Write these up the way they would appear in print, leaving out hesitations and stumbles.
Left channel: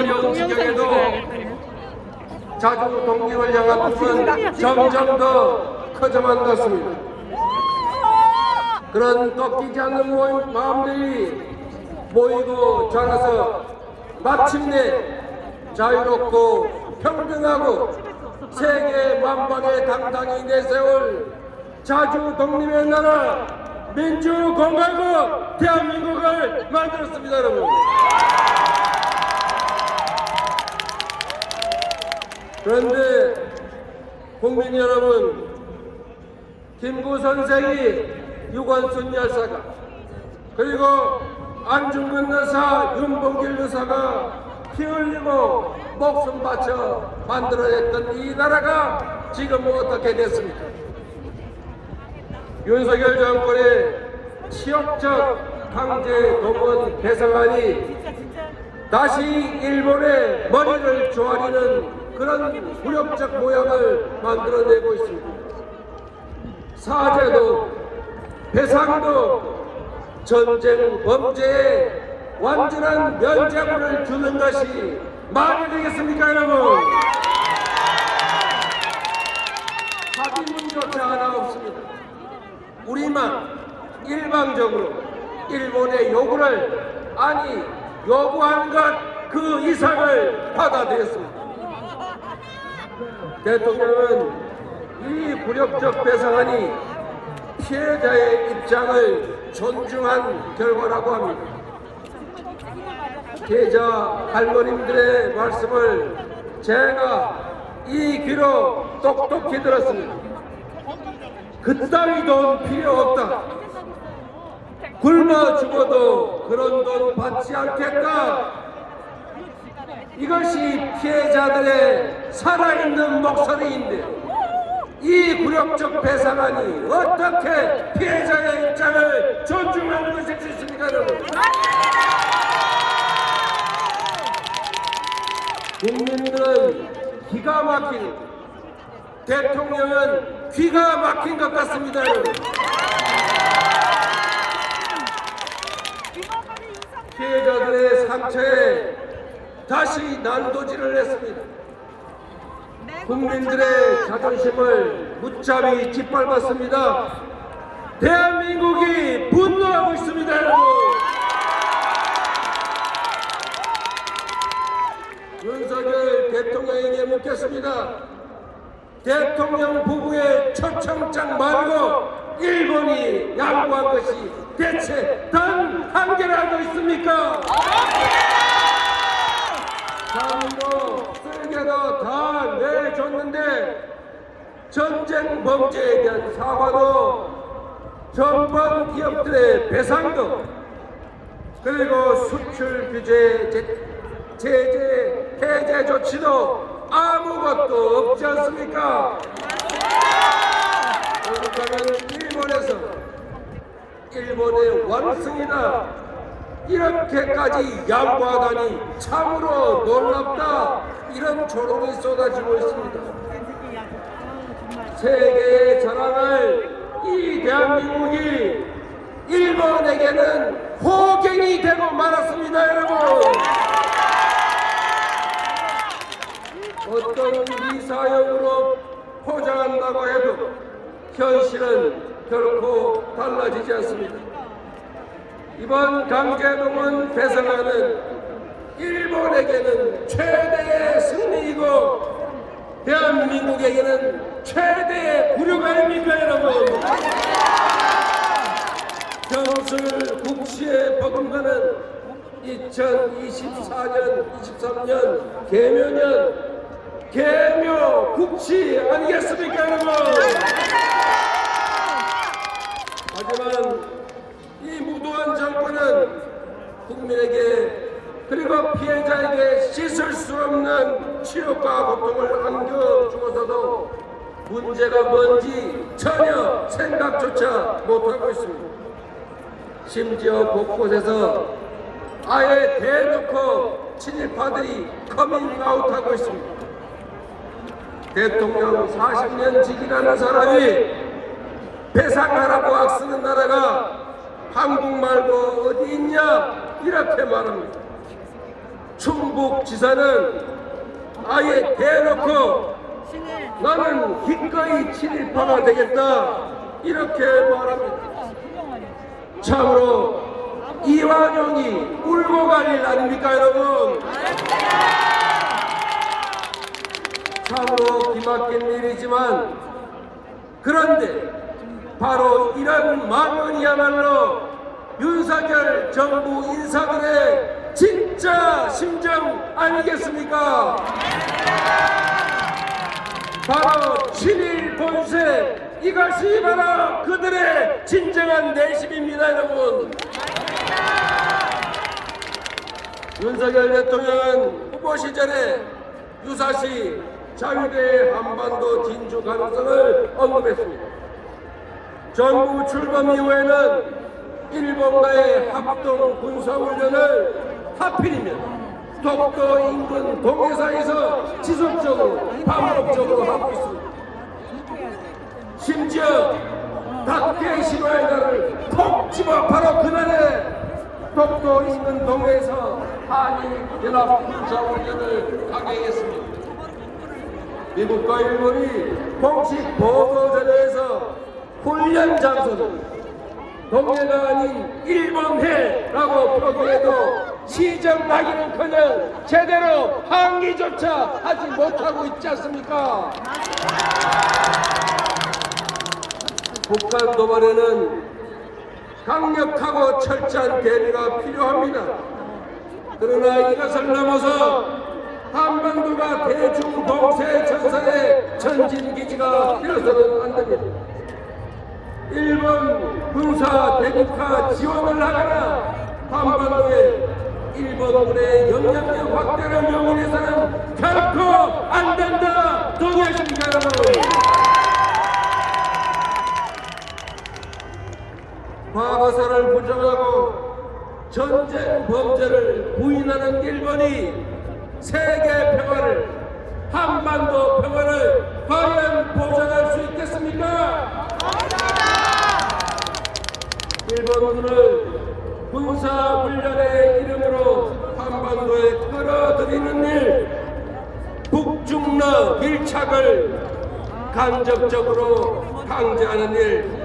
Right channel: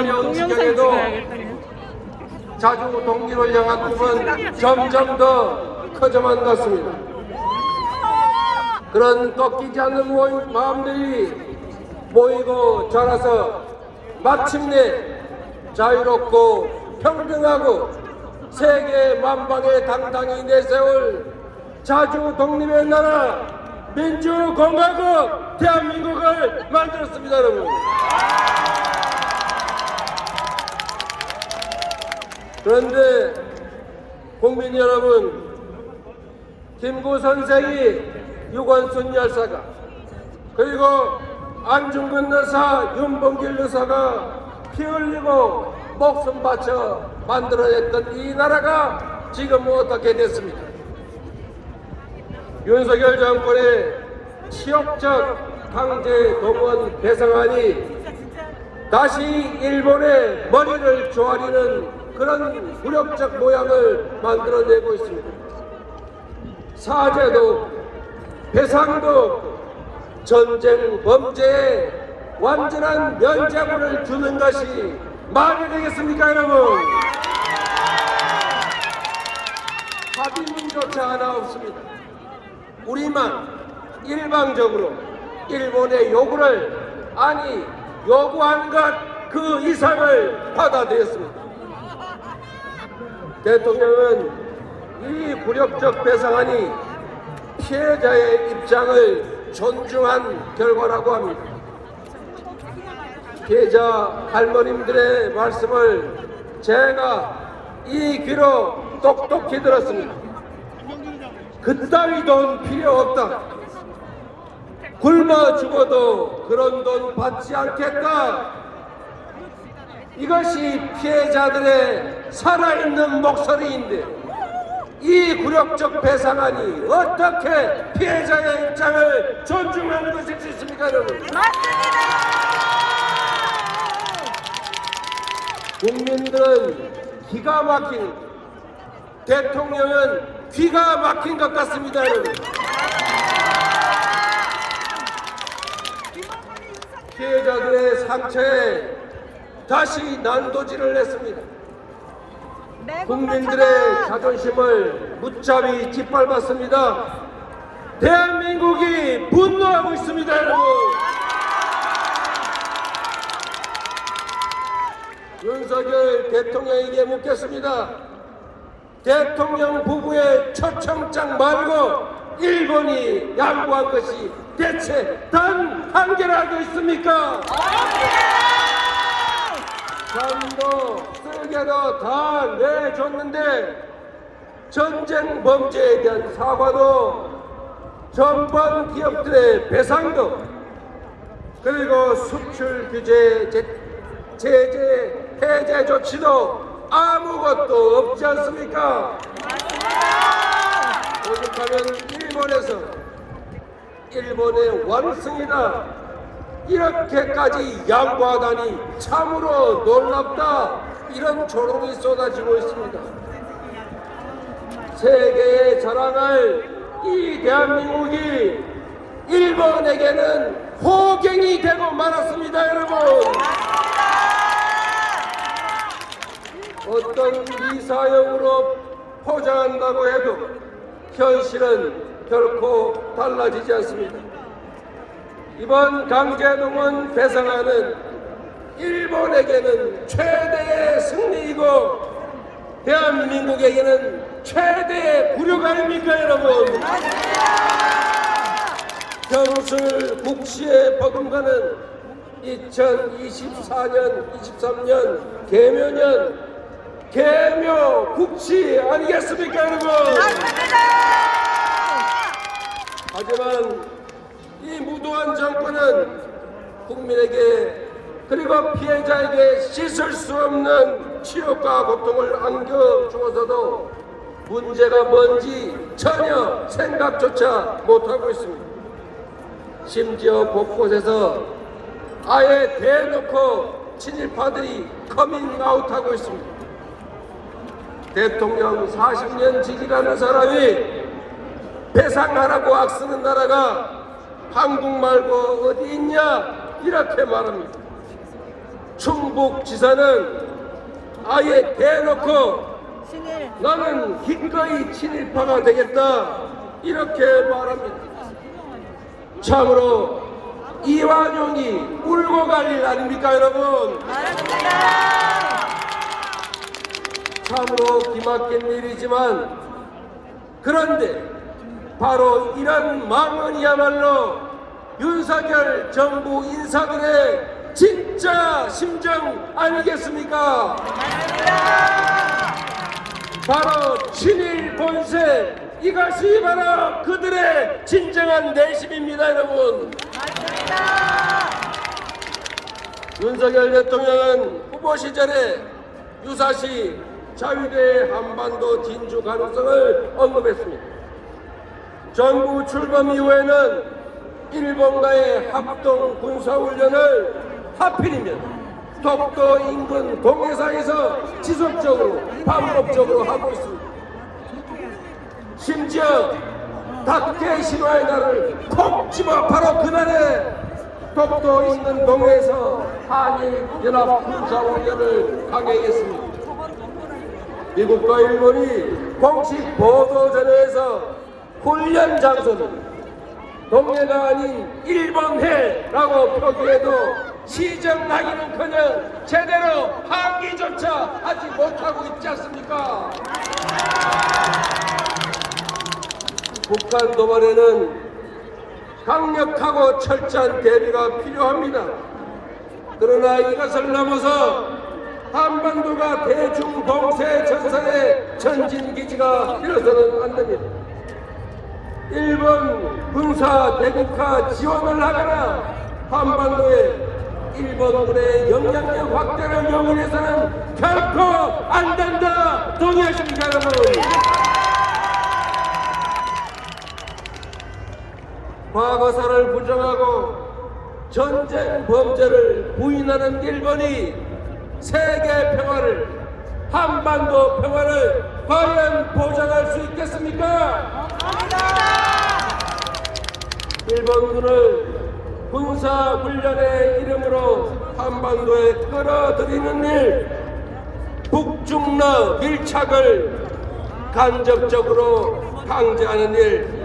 어려운 지경에도 자주 독립을 향한 꿈은 점점 더 커져만 갔습니다. 그런 꺾이지 않는 마음들이 모이고 자라서 마침내 자유롭고 평등하고 세계 만방에 당당히 내세울 자주 독립의 나라 민주공화국 대한민국을 만들었습니다, 여러분. 그런데 국민 여러분, 김구 선생이, 유관순 열사가, 그리고 안중근 의사, 윤봉길 의사가 피 흘리고 목숨 바쳐 만들어냈던 이 나라가 지금 어떻게 됐습니까? 윤석열 정권의 치욕적 강제 동원 배상안이 다시 일본의 머리를 조아리는 그런 굴욕적 모양을 만들어내고 있습니다. 사죄도 배상도 전쟁 범죄에 완전한 면죄부를 주는 것이 말이 되겠습니까, 여러분? 합의문조차 하나 없습니다. 우리만 일방적으로 일본의 요구를, 아니 요구하는 것 그 이상을 받아들였습니다. 대통령은 이 굴욕적 배상안이 피해자의 입장을 존중한 결과라고 합니다. 피해자 할머님들의 말씀을 제가 이 귀로 똑똑히 들었습니다. 그따위 돈 필요 없다. 굶어 죽어도 그런 돈 받지 않겠다. 이것이 피해자들의 살아있는 목소리인데 이 굴욕적 배상안이 어떻게 피해자의 입장을 존중하는 것일 수 있습니까, 여러분? 국민들은 기가 막힌, 대통령은 귀가 막힌 것 같습니다, 여러분. 피해자들의 상처에 다시 난도질을 했습니다. 국민들의 자존심을 무참히 짓밟았습니다. 대한민국이 분노하고 있습니다, 여러분. 윤석열 대통령에게 묻겠습니다. 대통령 부부의 초청장 말고 일본이 양보한 것이 대체 단 한 개라도 있습니까? 잠도 쓸개도 다 내줬는데 전쟁 범죄에 대한 사과도, 전범 기업들의 배상도, 그리고 수출 규제 제재 해제 조치도 아무것도 없지 않습니까? 오죽하면 일본에서 일본의 완승이다, 이렇게까지 양보하다니 참으로 놀랍다, 이런 조롱이 쏟아지고 있습니다. 세계에 자랑할 이 대한민국이 일본에게는 호갱이 되고 말았습니다, 여러분. 어떤 미사역으로 포장한다고 해도 현실은 결코 달라지지 않습니다. 이번 강제동원 배상안은 일본에게는 최대의 승리이고 대한민국에게는 최대의 굴욕 아닙니까, 여러분? 경술 국시에 버금가는 2024년, 23년 개묘년 개묘 국시 아니겠습니까, 여러분? 하지만 이 무도한 정권은 국민에게 그리고 피해자에게 씻을 수 없는 치욕과 고통을 안겨주어서도 문제가 뭔지 전혀 생각조차 못하고 있습니다. 심지어 곳곳에서 아예 대놓고 친일파들이 커밍아웃하고 있습니다. 대통령 40년 지지라는 사람이 배상하라고 악쓰는 나라가 한국 말고 어디 있냐, 이렇게 말합니다. 충북지사는 아예 대놓고 나는 기꺼이 친일파가 되겠다 이렇게 말합니다. 참으로 이완용이 울고 갈 일 아닙니까 여러분? 참으로 기막힌 일이지만 그런데 바로 이런 망언이야말로 윤석열 정부 인사들의 진짜 심정 아니겠습니까? 바로 친일 본세, 이것이 바로 그들의 진정한 내심입니다 여러분. 윤석열 대통령은 후보 시절에 유사시 자위대 한반도 진주 가능성을 언급했습니다. 정부 출범 이후에는 일본과의 합동 군사훈련을 하필이면 독도 인근 동해상에서 지속적으로 반복적으로 하고 있습니다. 심지어 닭개 신화의 날을 콕 집어 바로 그날에 독도 인근 동해에서 한일 연합 군사훈련을 하게 했습니다. 미국과 일본이 공식 보도자료에서 훈련 장소를 동해가 아닌 일본해라고 표기해도 시정하기는커녕 제대로 항의조차 하지 못하고 있지 않습니까? 북한 도발에는 강력하고 철저한 대비가 필요합니다. 그러나 이것을 넘어서 한반도가 대중동세 전선의 전진기지가 되어서는 안 됩니다. 일본 군사 대국화 지원을 하거나 한반도에 일본군의 영향력 확대를 용인해서는 결코 안 된다. 동의하십니까 여러분? 과거사를 부정하고 전쟁 범죄를 부인하는 일본이 세계 평화를, 한반도 평화를 과연 보장할 수 있겠습니까? 일본군을 군사훈련의 이름으로 한반도에 끌어들이는 일, 북중러 밀착을 간접적으로 강제하는 일,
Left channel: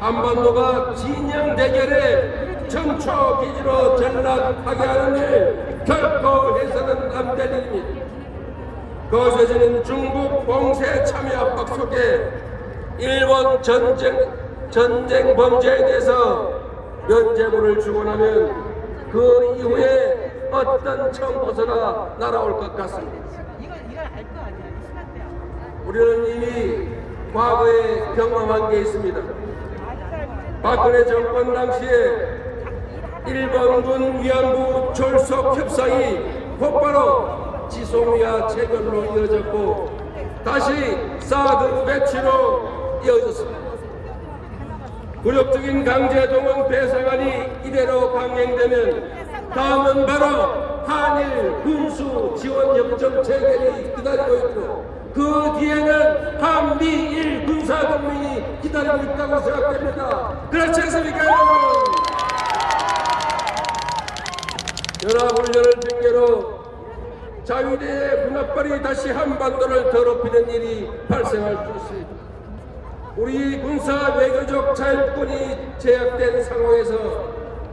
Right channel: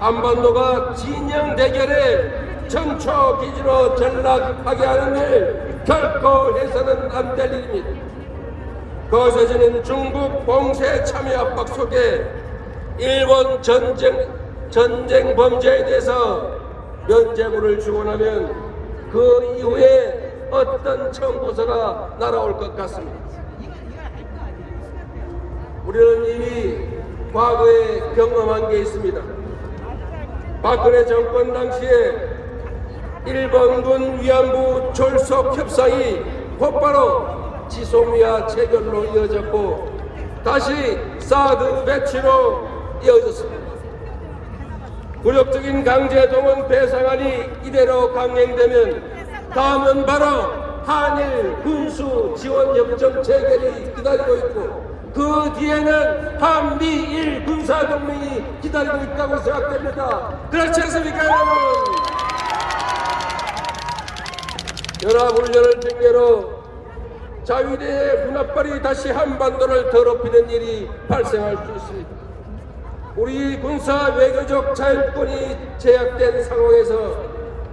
한반도가 진영 대결의 전초기지로 전락하게 하는 일 결코 해서는 안 될 일입니다. 거세지는 중국 봉쇄 참여 압박 속에 일본 전쟁 범죄에 대해서 면죄부를 주고 나면 그 이후에 어떤 청구서가 날아올 것 같습니다. 우리는 이미 과거에 경험한 게 있습니다. 박근혜 정권 당시에 일본군 위안부 졸속 협상이 곧바로 지소미아 체결로 이어졌고 다시 사드 배치로 이어졌습니다. 굴욕적인 강제동원 배상안이 이대로 강행되면 다음은 바로 한일 군수 지원협정 체결이 기다리고 있고 그 뒤에는 한미일 군사동맹이 기다리고 있다고 생각됩니다. 그렇지 않습니까 여러분? 연합훈련을 핑계로 자위대의 군합발이 다시 한반도를 더럽히는 일이 발생할 수 있습니다. 우리 군사 외교적 자율권이 제약된 상황에서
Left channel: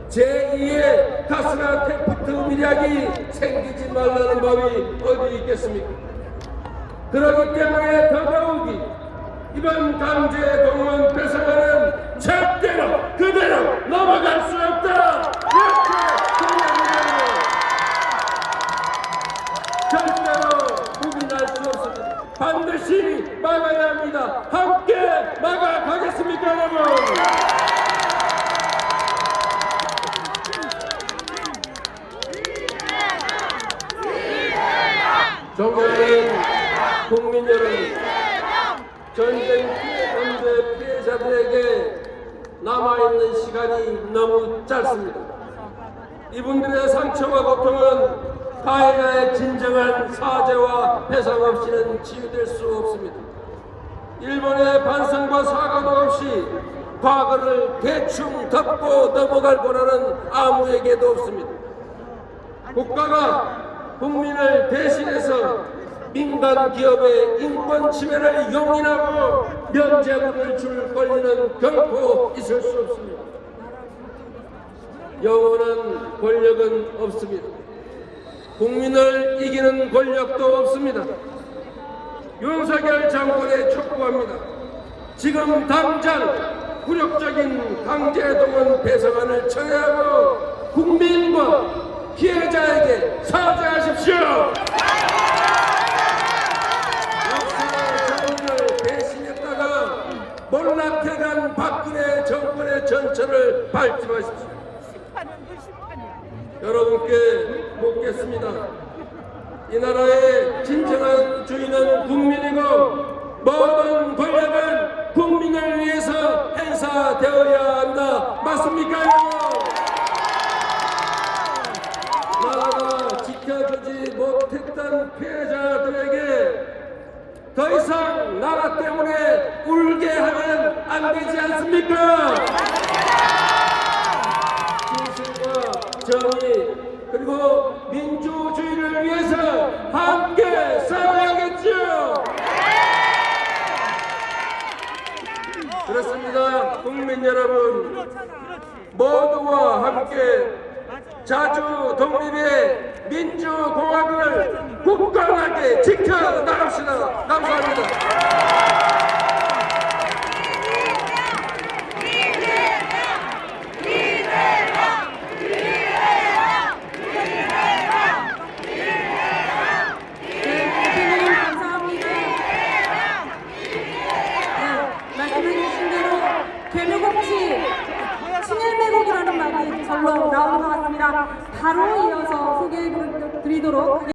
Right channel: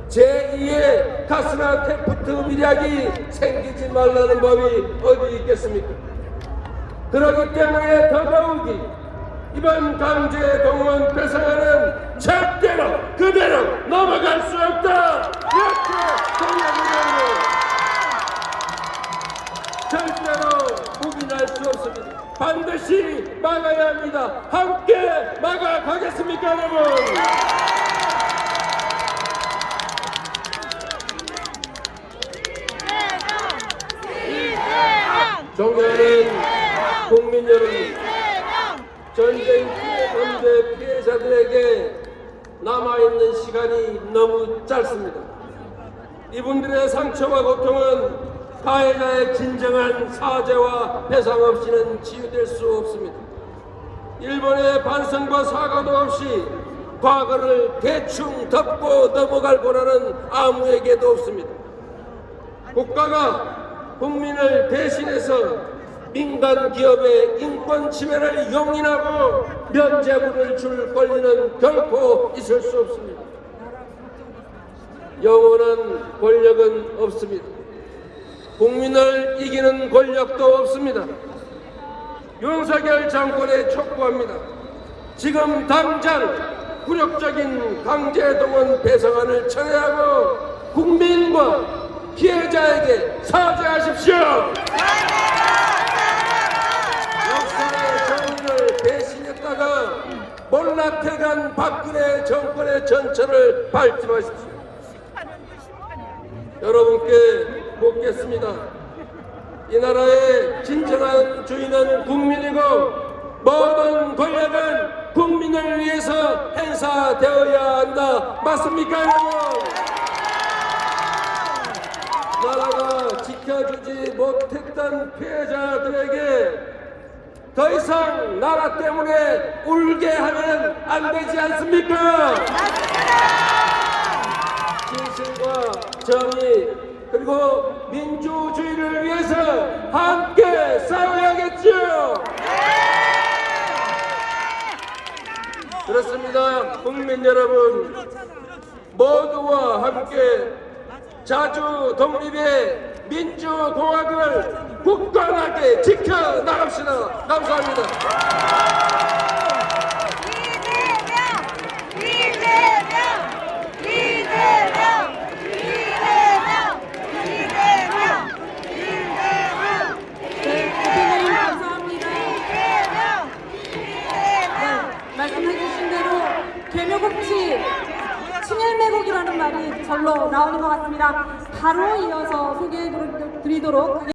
제2의 가스나 테프트 밀약이 생기지 말라는 법이 어디 있겠습니까? 그렇기 때문에 더더욱이 이번 강제 동원 배상안은 절대로 그대로 넘어갈 수 없다. 이렇게 동의합니다. 절대로 묵인할 수 없습니다. 반드시 막아야 합니다. 함께 막아가겠습니까 여러분? 존경하는 국민 여러분, 전쟁 피해 범죄 피해자들에게 남아있는 시간이 너무 짧습니다. 이분들의 상처와 고통은 가해자의 진정한 사죄와 배상 없이는 치유될 수 없습니다. 일본의 반성과 사과도 없이 과거를 대충 덮고 넘어갈 권한은 아무에게도 없습니다. 국가가 국민을 대신해서 민간 기업의 인권 침해를 용인하고 면죄부를 줄 권리는 결코 있을 수 없습니다. 영원한 권력은 없습니다. 국민을 이기는 권력도 없습니다. 윤석열 정권에 촉구합니다. 지금 당장 굴욕적인 강제동원 배상안을 철회하고 국민과 피해자에게 사죄하십시오. 역사의 정의를 배신했다가 몰락해간 박근혜 정권의 전철을 밟지 마십시오. 여러분께 묻겠습니다. 이 나라의 진정한 주인은 국민이고 모든 권력은 국민을 위해서 행사되어야 한다. 맞습니까, 여러분? 나라가 지켜주지 못했던 피해자들에게 더 이상 나라 때문에 울게 하면 안 되지 않습니까? 진실과 정의 그리고 민주주의를 위해서 함께 싸워야겠죠. 그렇습니다. 국민 여러분, 모두와 함께 자주 독립의 민주공화국을 굳건하게 지켜나갑시다. 감사합니다. 대표님 감사합니다. 네, 말씀해주신 대로 개묘곡치 친일매곡이라는 말이 절로 나오는 것 같습니다. 바로 이어서 소개해드리도록 하겠습니다.